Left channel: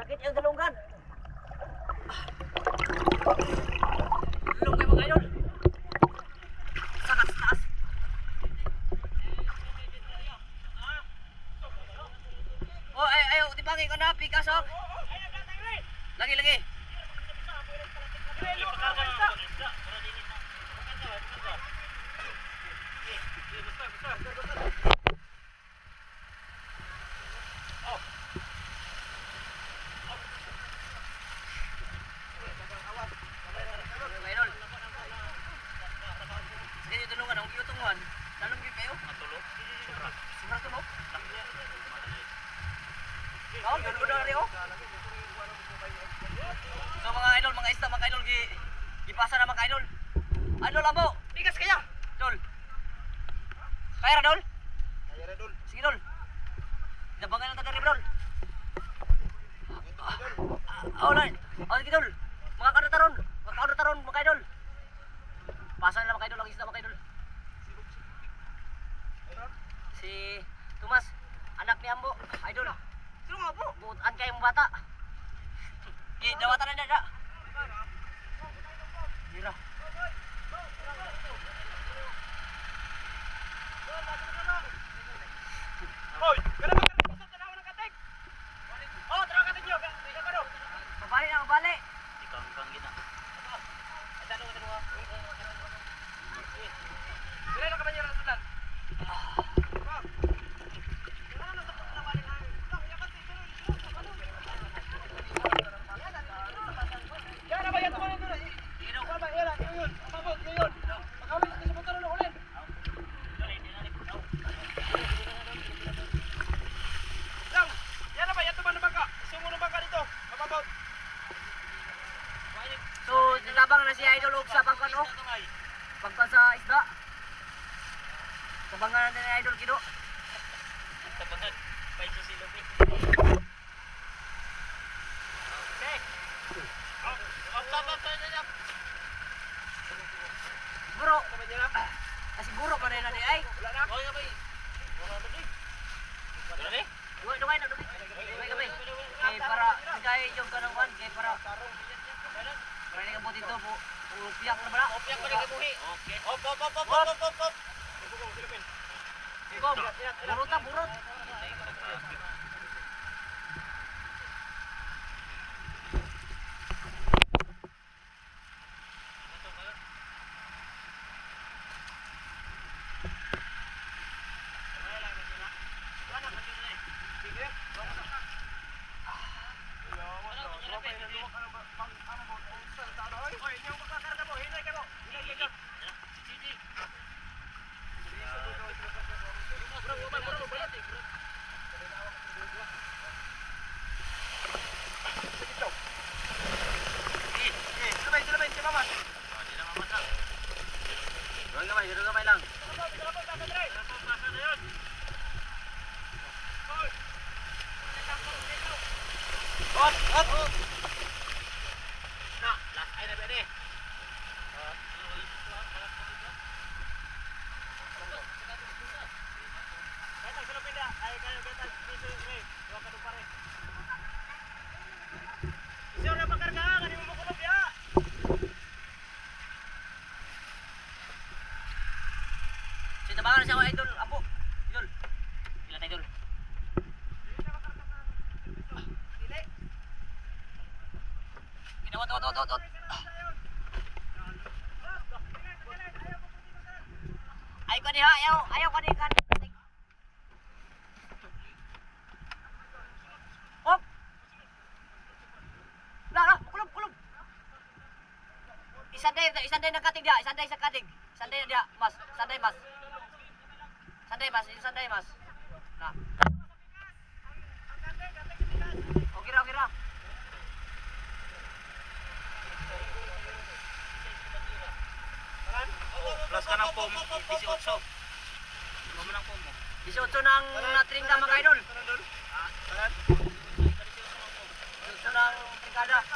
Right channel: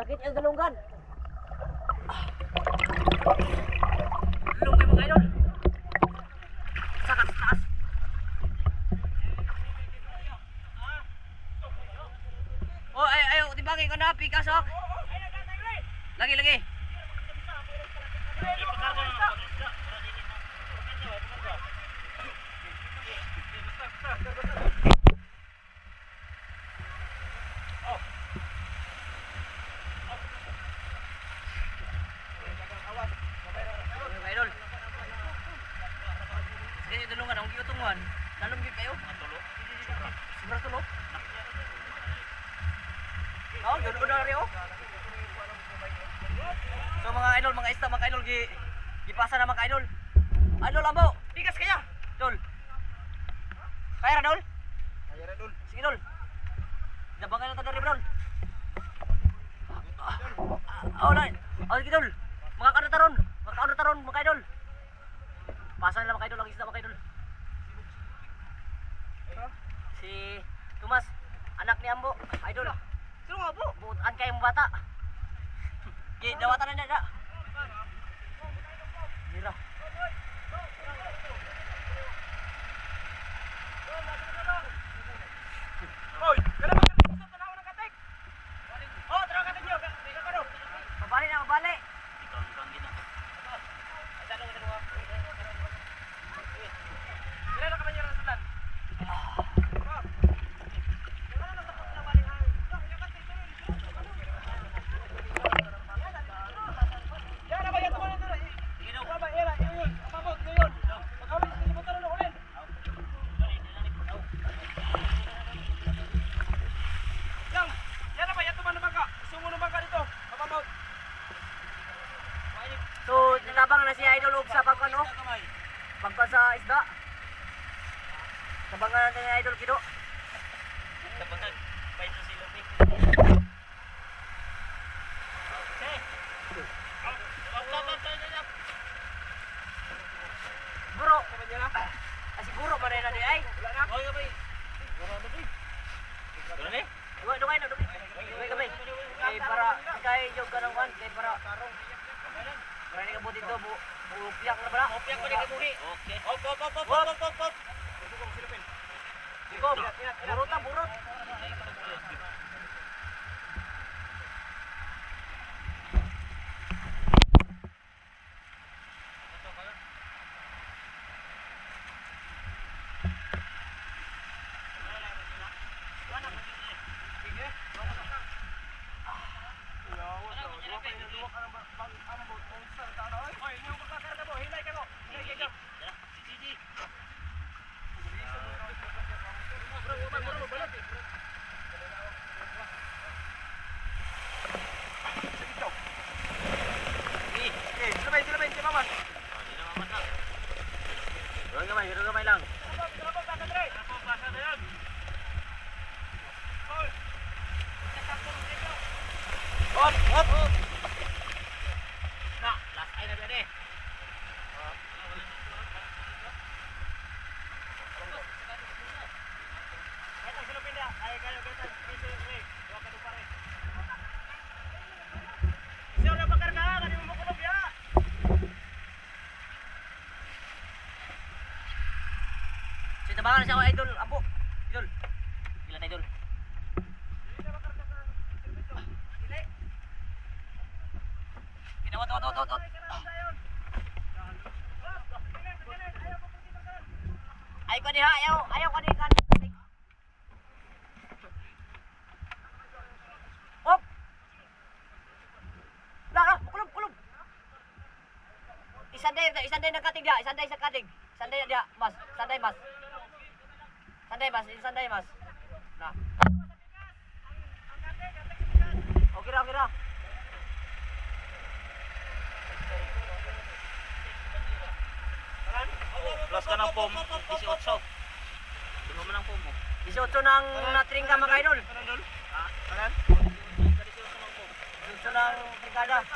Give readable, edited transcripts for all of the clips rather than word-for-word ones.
Sakit yung dalunggan. Dalung kayo mga idol. Sakas taas. Oh, ay, tibagay ko na pikas oh. Lagi. Idol. Sige, tulungan ang giutungan. Lalong gyud kayo. Matulog. Sobra tulog. Oh, yun na rin oh. So mga idol, mga isda, mga idol, gipasa na mga idol. Idol abaw, pikas kaya. Dol. Kaya ra dol? Kaya ra dol. Sige dol. Dabangan ng taga Dol. Oh, nay. Oh, sige dol. Mga kanataron. Mga idol. Pasan lang mga idol, ang isda mga idol. Si Tomas, anak ni Ambo, idol. Sino nga po? Buutan kayong bata. Okay, dawatan na na. Tira. Hoy, kana ba sa tanaw ng katek? Oh, tanaw katek niyo. Ika ka do. Mabali na, mabali. Ikang kita. Ay tanong. Sila na ka ba niya rasulan? So, tabang na si Idol og sa pagkano? Pagka sa isda. Tabangan natin ni Idol Kido. Tabangan. Pain sa silog eh. Okay. Buro. Siguro man na di ay. Wala na. Wala ba? Wala na di. Wala ni? Dugay na dugay. Dugay. Kay para kay jog kanang wan kay para Rani ka buti to, upiyak na ba? Upiyak pa rin ka buhi. Okay. Hop. Burot. Tabangan na siya mga idol, apo. Idol. Ilan idol? Ginawa, tot. Ay ko diha, ayaw ko diha. Hop. La, kulub. Isanday na katig dia, isanday sa katig. Sanday dia, mas. Sanday mas. Sanday mas. Na. Okay ra. Plus ka ng pom. 18. Di ba man ang pom mo? 18 ng natringga mga idol. 18 ng trigada.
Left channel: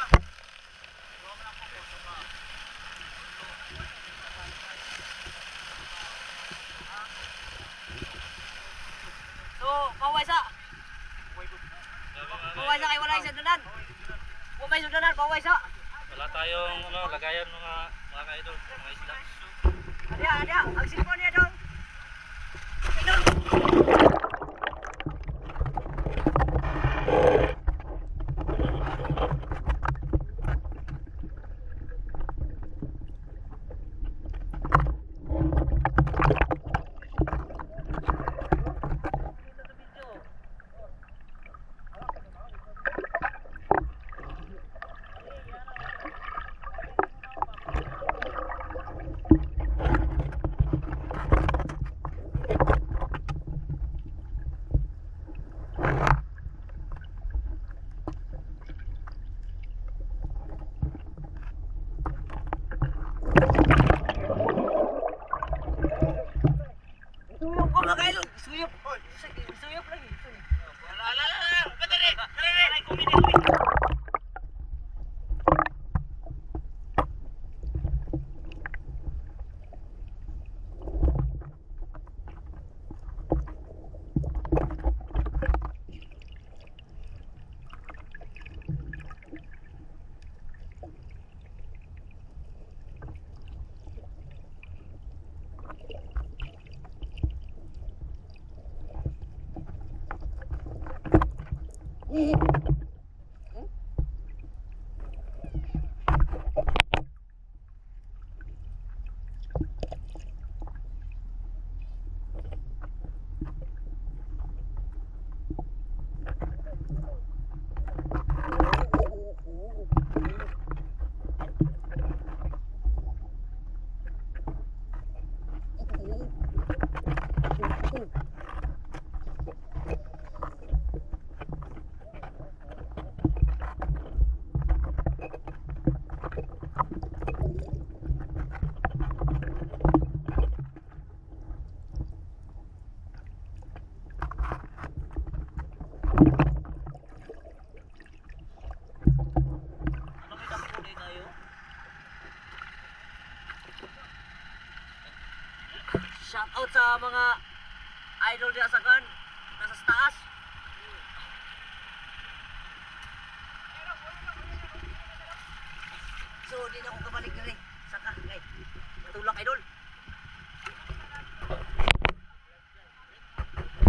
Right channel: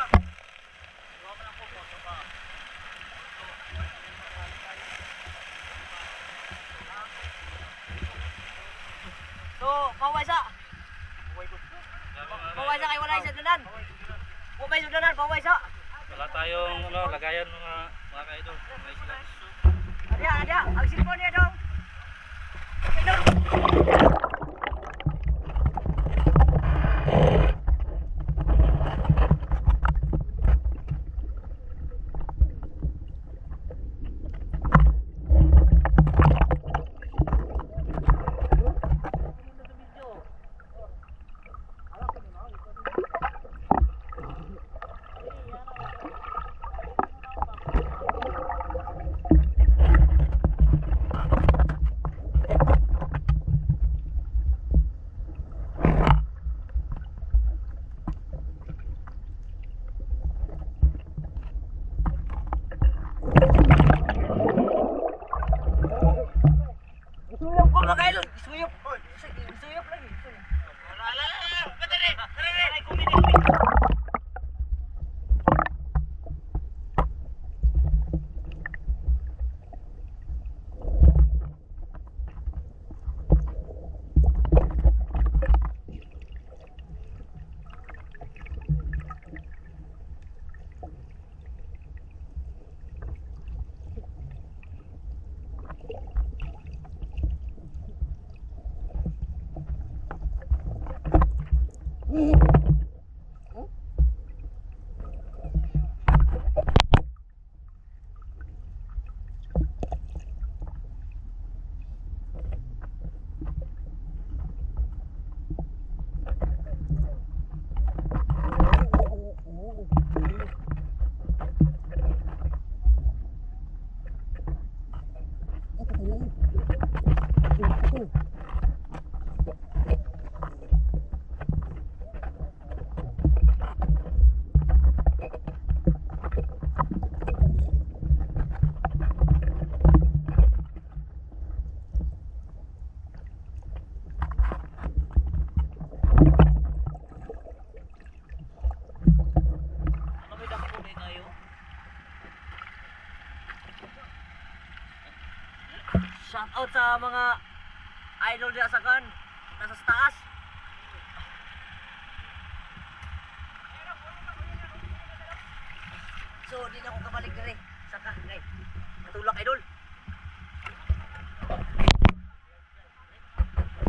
So, paway sa kay wala isa dunan. Paway sa. Wala tayong lagayan mga ka-idol, mga isla. Ada. Ang sismo niya daw. Suyok ko mga idol. Suyok lagi. Shout out sa mga idol diya sa kan nasa taas.